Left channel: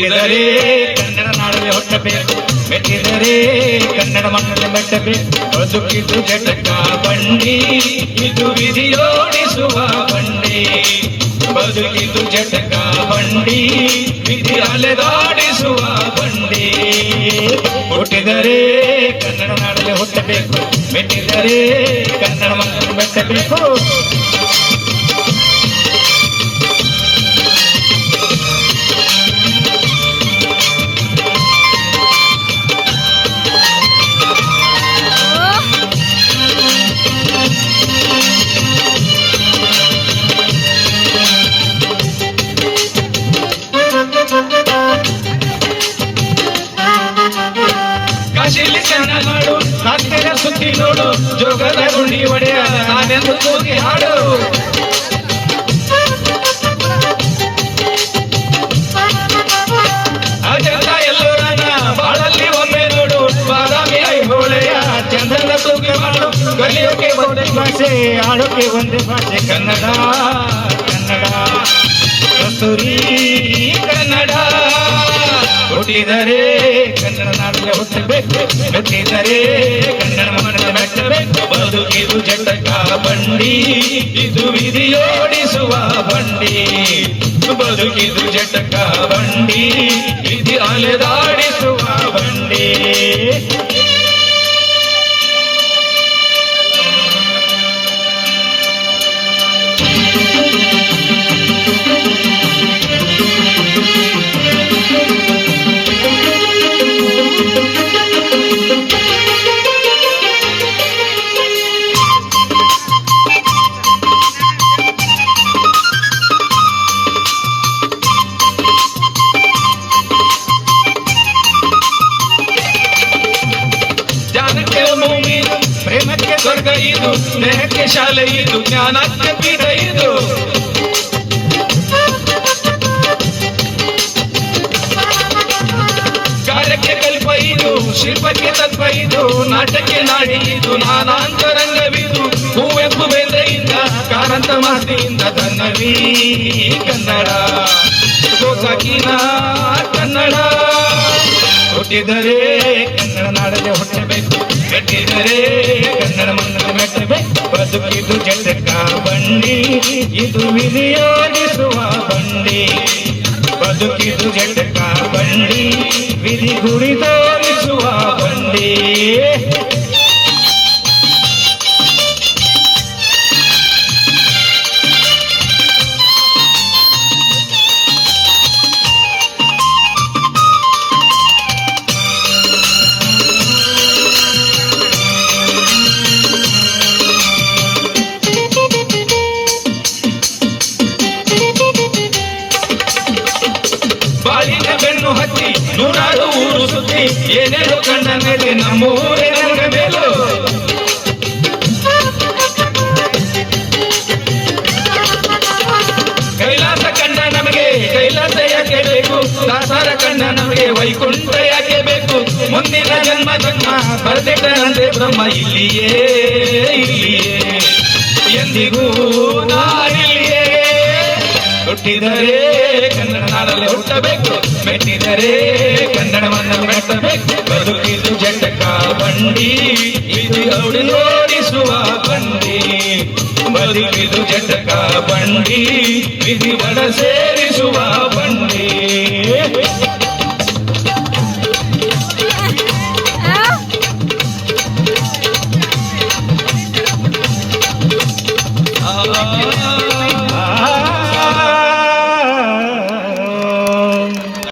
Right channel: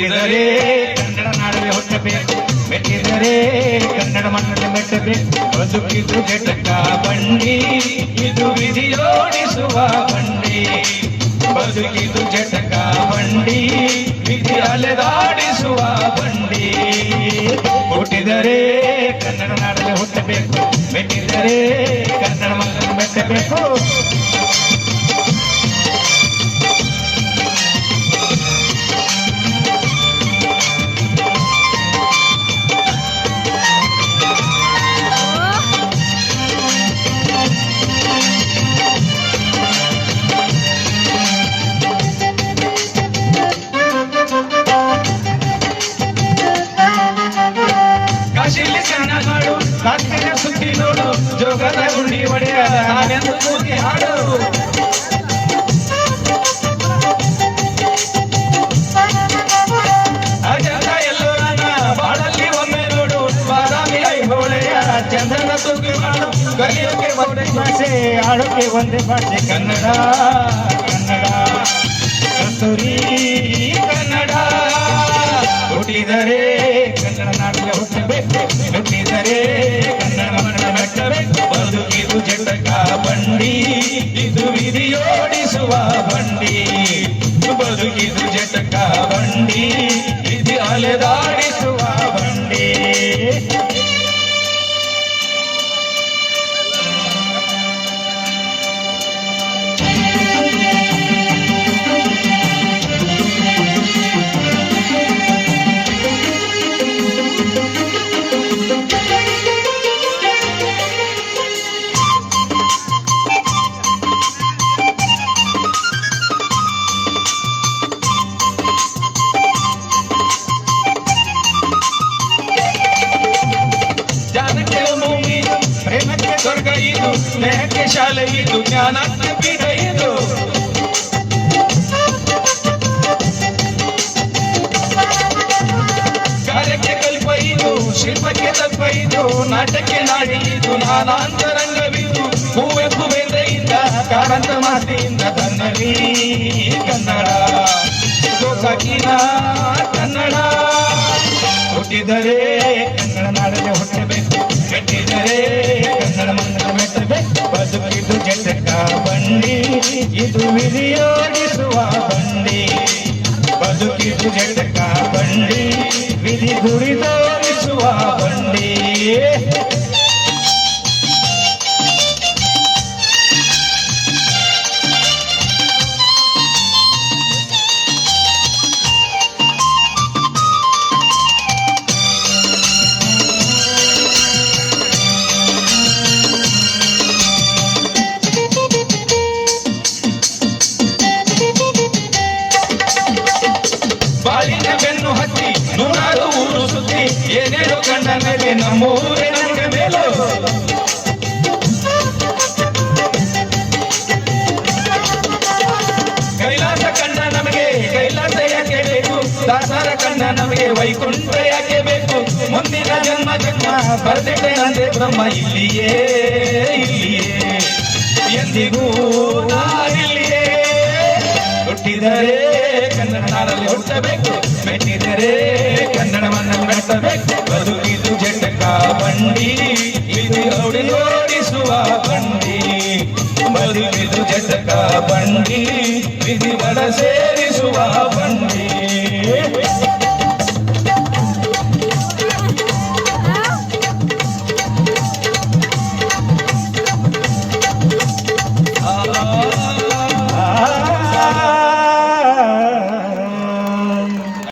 ಹುಟ್ಟಿದರೆ ಕನ್ನಡ ನಾಡಲ್ಲಿ ಹುಟ್ಟಬೇಕು, ಮೆಟ್ಟಿದರೆ ಕನ್ನಡ ಮಣ್ಣಲ್ಲಿ ಮೆಟ್ಟಬೇಕು. ಬದುಕಿದು ಜಟಕ ಬಂಡಿ, ಇದು ವಿಧಿಯೋಡಿಸುವ ಬಂಡಿ. ಬದುಕಿದು ಜಟಕ ಬಂಡಿ, ವಿಧಿ ಅಲೆದಾಡಿಸುವ ಬಂಡಿ. ಹುಟ್ಟಿದರೆ ಕನ್ನಡ ನಾಡಲ್ಲಿ ಹುಟ್ಟಬೇಕು, ಮೆಟ್ಟಿದರೆ ಕನ್ನಡ ಮಣ್ಣಲ್ಲಿ ಮೆಟ್ಟಬೇಕು. ಕಾಶಿಲಿ ಚೆನ್ನಾಡು, ಕಾಶ್ಮೀರ ಸುದ್ದಿ ನೋಡು, ಜೋಗದ ಗುಂಡಿ ಒಡೆಯ ನಾನೆಂದು ಕೂಗಿ ಹಾಡು. ಅಜಂತ ಎಲ್ಲೋರನ ಬಾಳಲ್ಲಿ ಒಮ್ಮೆ ನೋಡು, ಬಾದಾಮಿ ಐಹೊಳೆಯ ಚಂದ್ರನ ತೂಗಿ ಮಾಡು. ಕಲಿಯೋಕೆ ಒಂದೇ ಭಾಷೆ, ಆಡೋಕೆ ಒಂದೇ ಭಾಷೆ, ಕನ್ನಡ ಕನ್ನಡ ಕಸ್ತೂರಿ ಕನ್ನಡ. ಹುಟ್ಟಿದರೆ ಕನ್ನಡ ನಾಡಲ್ಲಿ ಹುಟ್ಟಬೇಕು, ಮೆಟ್ಟಿದರೆ ಕನ್ನಡ ಮಣ್ಣಲ್ಲಿ ಮೆಟ್ಟಬೇಕು. ಬದುಕಿದು ಜಟಕ ಬಂಡಿ, ಇದು ವಿಧಿಯೋಡಿಸುವ ಬಂಡಿ. ಬದುಕಿದು ಜಟಕ ಬಂಡಿ, ವಿಧಿ ಅಲೆದಾಡಿಸುವ ಬಂಡಿ. ಜ್ಞಾನಕ್ಕೆ ಭೂಮಿ, ಪ್ರೇಮಕ್ಕೆ ಸ್ವರ್ಗ ಇದು, ಸ್ನೇಹಕ್ಕೆ ಶಾಲೆ ಇದು, ಜ್ಞಾನಕ್ಕೆ ಬೀಗ ಇದು. ಕಾರ್ಯಕ್ಕೆ ಕಲ್ಪ ಇದು, ಶಿಲ್ಪಕ್ಕೆ ತತ್ವ ಇದು, ನಾಟಕ್ಕೆ ನಾಡಿ ಇದು, ನಾನಾಂತರಂಗವಿದು. ಹೂವೆಂಪು ಬೇಂದ್ರೆಯಿಂದ, ಕಾರಂತ ಮಾತಿಯಿಂದ ಕನ್ನಡಿ ಕನ್ನಡ, ಗೋಕಾಕಿನ ಕನ್ನಡ. ಹುಟ್ಟಿದರೆ ಕನ್ನಡ ನಾಡಲ್ಲಿ ಹುಟ್ಟಬೇಕು, ಮೆಟ್ಟಿದರೆ ಕನ್ನಡ ಮಣ್ಣಲ್ಲಿ ಮೆಟ್ಟಬೇಕು. ಬದುಕಿದು ಜಟಕ ಬಂಡಿ, ಇದು ವಿಧಿಯೋಡಿಸುವ ಬಂಡಿ. ಬದುಕಿದು ಜಟಕ ಬಂಡಿ, ವಿಧಿ ಗುರಿ ತೋರಿಸುವ ಬಂಡಿ. ಬಾಳಿನ ಬೆನ್ನು ಹತ್ತಿ ನೂರಾರು ಊರು ಸುತ್ತಿ, ಏನೇನು ಕಂಡ ಮೇಲೆ ನಮ್ಮೂರೇ ನನಗೆ ಮೇಲು. ಕೈಲಾಸ ಕಂಡ ನಮಗೆ ಕೈಲಾಸ ಯಾಕೆ ಬೇಕು, ದಾಸರ ಕಂಡ ನಮಗೆ ವೈಕುಂಠ ಯಾಕೆ ಬೇಕು. ಮುಂದಿನ ಜನ್ಮ ಜನ್ಮ ಬರ್ತಿಟ್ಟನಂತೆ ಬ್ರಹ್ಮ ಇಲ್ಲಿಯೇ ಇಲ್ಲಿಯೇ, ಎಂದಿಗೂ ನಾನಿಲ್ಲಿಯೇ. ಹುಟ್ಟಿದರೆ ಕನ್ನಡ ನಾಡಲ್ಲಿ ಹುಟ್ಟಬೇಕು, ಮೆಟ್ಟಿದರೆ ಕನ್ನಡ ಮಣ್ಣಲ್ಲಿ ಮೆಟ್ಟಬೇಕು. ಬದುಕಿದು ಜಟಕ ಬಂಡಿ, ಇದು ಓಡಿಸುವ ಬಂಡಿ. ಬದುಕಿದು ಜಟಕ ಬಂಡಿ, ವಿಧಿ ಬಡ ಸೇರಿಸುವ ಬಂಡಿ.